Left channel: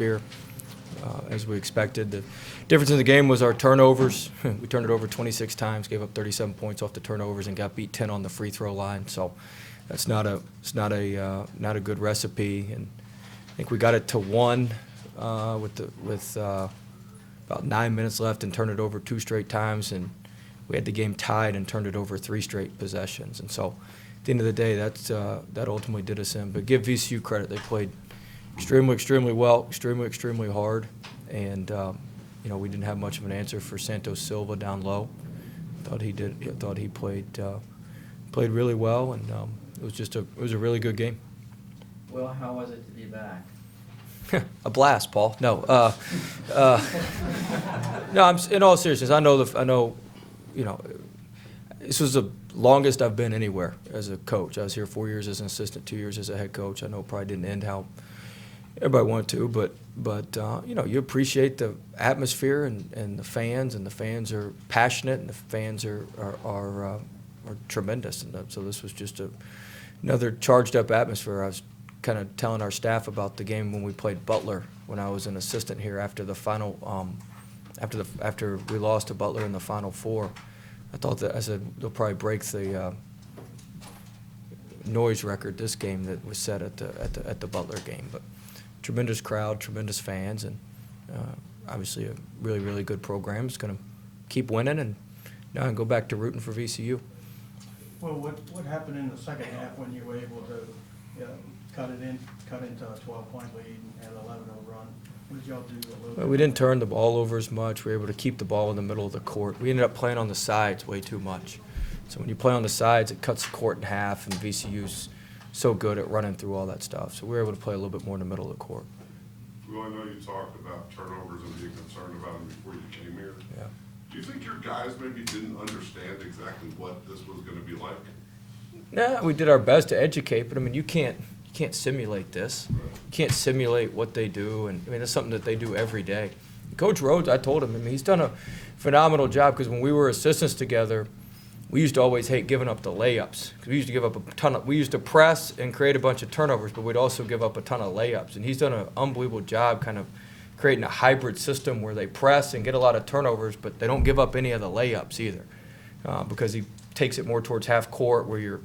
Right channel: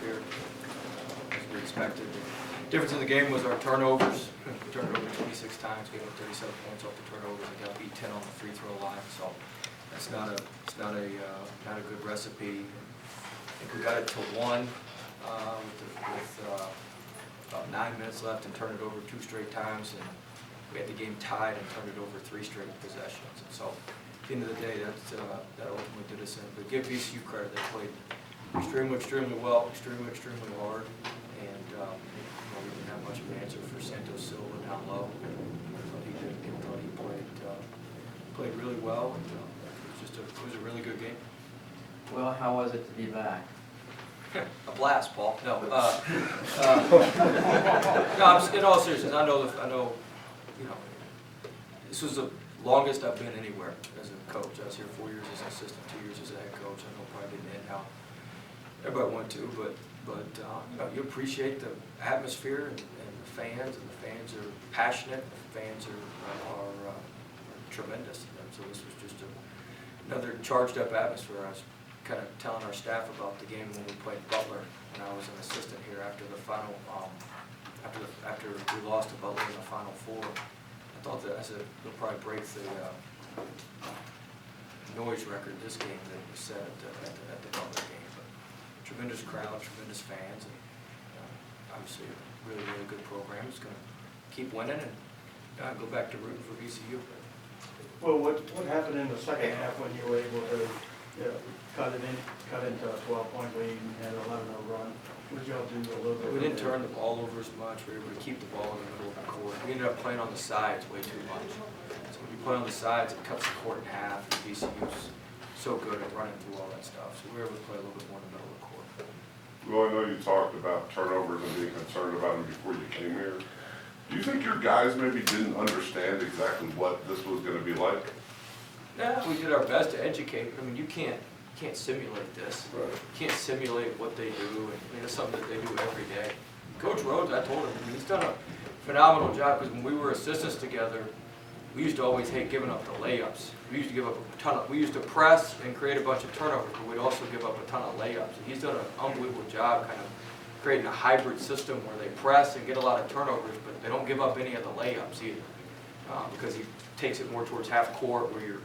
atmosphere, as we expected. The difference in the game was our turnovers. We turned it over 26 times, gave up 37 points off the turnovers, and got beat 10 on the free throw line. So that's not a good recipe. And I think we got it to 1 with about 9 minutes left and turned it over 2 straight times, and we had the game tied and turned it over 3 straight possessions. And so at the end of the day, that ultimately did us in. But give VCU credit; they played extremely well, extremely hard, and we didn't have much of an answer for Santos Silva down low. I thought he played really well, and it was a really good game. Well, how was it to be back? A blast, Paul. No, no. In all seriousness, I know, this was the longest I've been anywhere as a coach. I was here 4 years as an assistant, 2 years as a head coach. I know it probably didn't end how everybody wanted to, but you appreciate the atmosphere and the fans are passionate, and the fans are tremendous. And so this was just another charged up atmosphere. I was kind of telling our staff about the game when we played Butler when I was an assistant here after the final, after we lost to Butler in the Final Four. I said they'll probably break the noise record this game that was set at the Butler game. But tremendous crowd, tremendous fans, and obviously a really good program. It's going to keep winning and now go back to rooting for VCU. Well, what happened in the second half when you were able to cut into a 12-point lead and an 11-0 run? What did y'all do a little bit? We didn't turn the ball over as much. We were able to keep the ball in the middle of the court. We ended up playing on the sides way too much. So when you play on the sides, it cuts the court in half, and VCU's so good at running through all that stuff. So we were able to play a little bit more in the middle of the court. Well, I know you talked about turnovers and being concerned about them before you came here. Do you think your guys maybe didn't understand exactly what this was going to be like? No, we did our best to educate, but I mean, you can't simulate this. Right. You can't simulate what they do, and I mean, it's something that they do every day. Coach Rhodes, I told him, he's done a phenomenal job, because when we were assistants together, we used to always hate giving up the layups. We used to give up a ton we used to press and create a bunch of turnovers, but we'd also give up a ton of layups. And he's done an unbelievable job kind of creating a hybrid system where they press and get a lot of turnovers, but they don't give up any of the layups either, because he takes it more towards half court where you're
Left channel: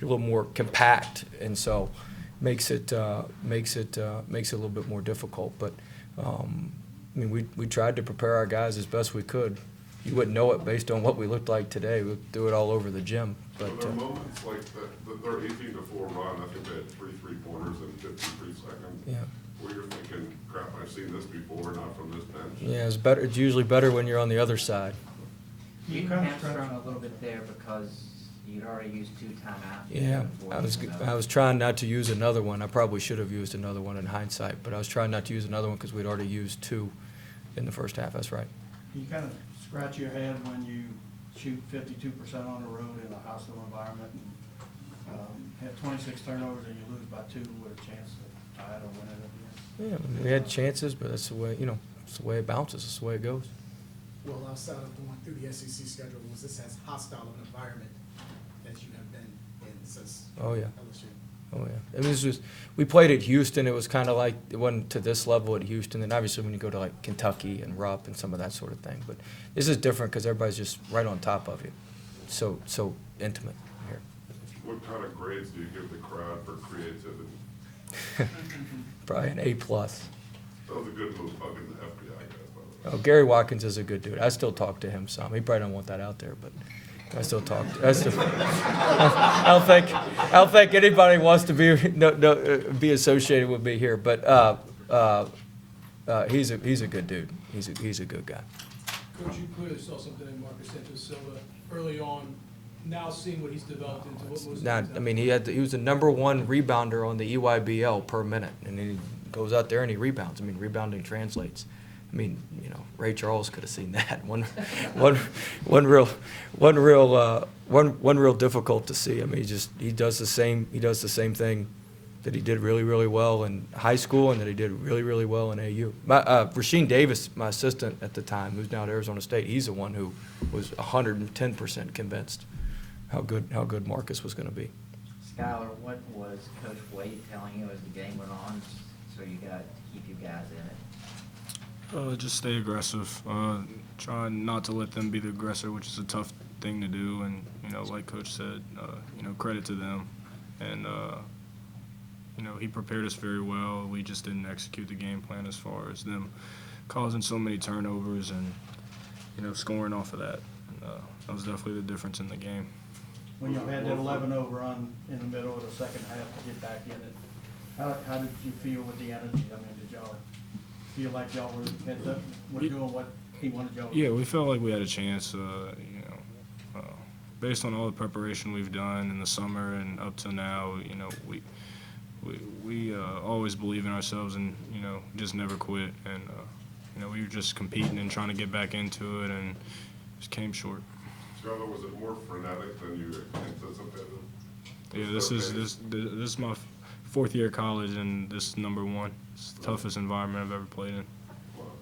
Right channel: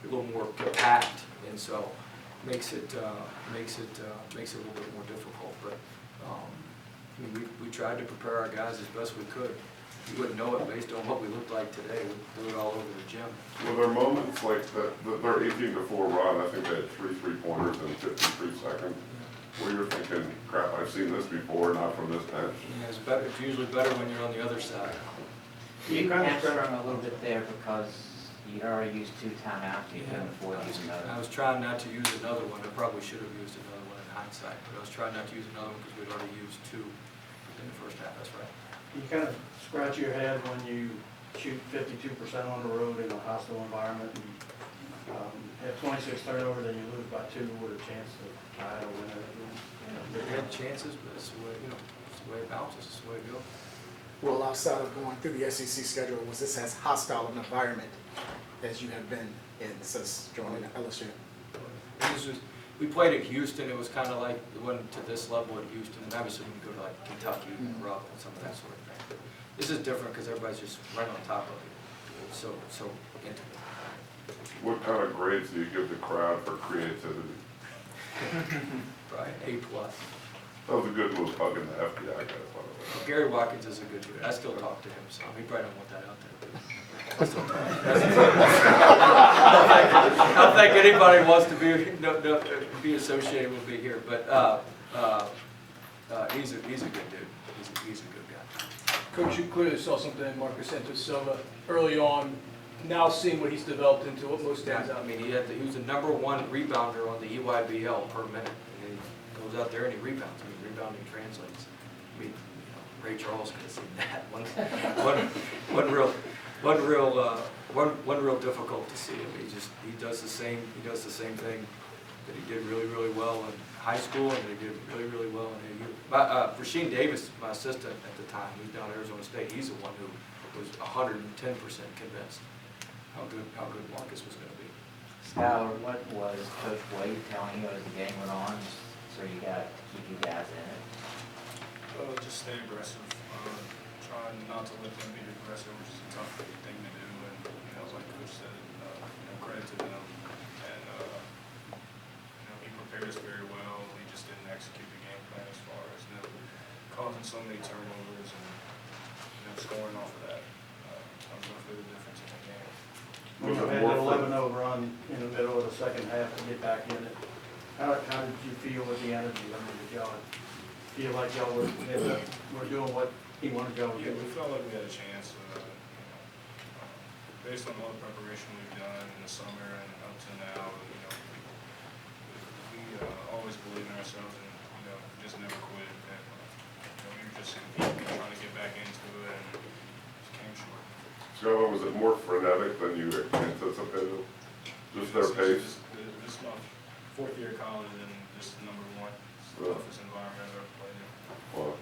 a little more compact, and so makes it a little bit more difficult. But I mean, we tried to prepare our guys as best we could. You wouldn't know it based on what we looked like today. We do it all over the gym. Were there moments like their 18-4 run? I think they had 3 3-pointers in 53 seconds. Yeah. Where you're thinking, crap, I've seen this before, not from this bench. Yeah, it's better. It's usually better when you're on the other side. You hamstrung a little bit there because you already used 2 timeouts. Yeah, I was trying not to use another one. I probably should have used another one in hindsight, but I was trying not to use another one because we'd already used 2 in the first half. That's right. You kind of scratch your head when you shoot 52% on the road in a hostile environment. And, have 26 turnovers and you lose by 2 with a chance to tie or win it. Yeah, we had chances, but it's the way it's the way it bounces. It's the way it goes. Well, outside of going through the SEC schedule, was this as hostile an environment as you have been in since joining LSU? Oh yeah. And this was, we played at Houston. It was kind of like, it wasn't to this level at Houston. And obviously when you go to like Kentucky and Rupp and some of that sort of thing. But this is different because everybody's just right on top of you. So intimate. What kind of grades do you give the crowd for creativity? Probably an A+. That was a good move, hugging the FBI guys, by the way. Oh, Gary Watkins is a good dude. I still talk to him some. He probably don't want that out there, but I still talk. I don't think anybody wants to be associated with me here. But he's a good dude. He's a good guy. Coach, you clearly saw something in Marcus Santos Silva early on. Now seeing what he's developed into, what most Now, stands out. I mean, he was the #1 rebounder on the EYBL per minute, and he goes out there and he rebounds. I mean, rebounding translates. I mean, Ray Charles could have seen that. One real difficult to see. I mean, he does the same thing that he did really well in high school and that he did really well in AU. Rasheem Davis, my assistant at the time, who's now at Arizona State, he's the one who was 110% convinced how good Marcus was going to be. Skylar, what was Coach Wade telling you as the game went on? So you got to keep you guys in it? Just stay aggressive. Try not to let them be the aggressor, which is a tough thing to do. And like Coach said, credit to them. And he prepared us very well. We just didn't execute the game plan as far as them causing so many turnovers and scoring off of that. That was definitely the difference in the game. When you had that 11-0 run in the middle of the second half to get back in it, how did you feel with the energy? I mean, did y'all feel like y'all were doing what he wanted y'all to do? Yeah, we felt like we had a chance. Based on all the preparation we've done in the summer and up to now, we always believe in ourselves and just never quit. And we were just competing and trying to get back into it, and just came short. Joe, was it more frenetic than you anticipated? Yeah, this is my fourth year of college, and this is number one. It's the toughest environment I've ever played in. Well,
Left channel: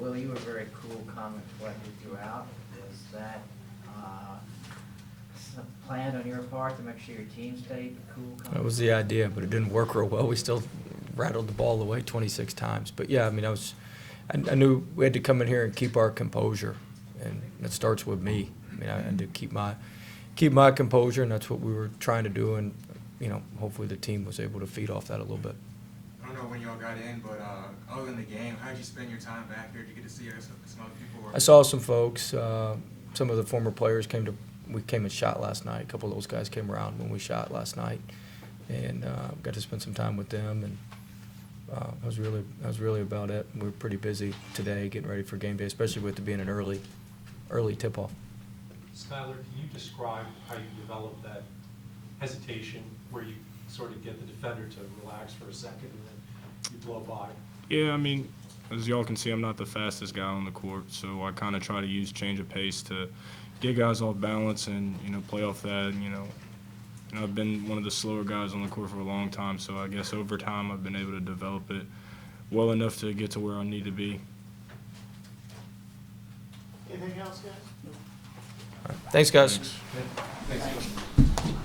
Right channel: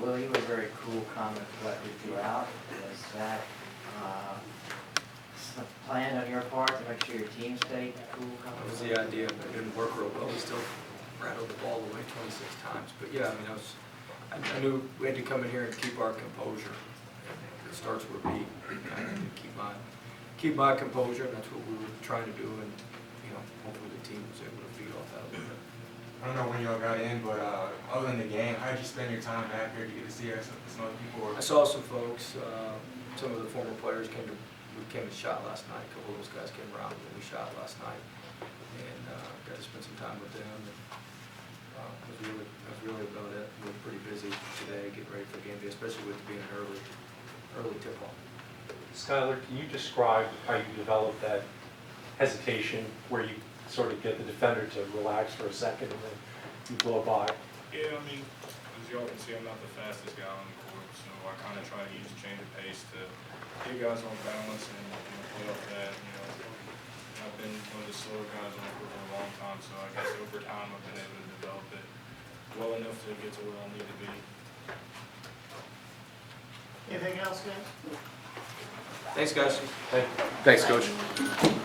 Will, you were very cool, calm, and collected throughout. Was that planned on your part to make sure your team stayed cool, calm? That was the idea, but it didn't work real well. We still rattled the ball away 26 times. But yeah, I mean, I knew we had to come in here and keep our composure, and it starts with me. I mean, I need to keep my composure, and that's what we were trying to do. And hopefully the team was able to feed off that a little bit. I don't know when y'all got in, but other than the game, how did you spend your time back here to get to see some other people? I saw some folks. Some of the former players we came and shot last night. A couple of those guys came around when we shot last night, and got to spend some time with them. And that was really about it. We were pretty busy today, getting ready for game day, especially with it being an early tip-off. Skylar, can you describe how you develop that hesitation where you sort of get the defender to relax for a second and then you blow by? Yeah, I mean, as y'all can see, I'm not the fastest guy on the court, so I kind of try to use change of pace to get guys off balance and play off that. I've been one of the slower guys on the court for a long time, so I guess over time I've been able to develop it well enough to get to where I need to be. Anything else, guys? Thanks, guys. Thank you. Thanks, Coach.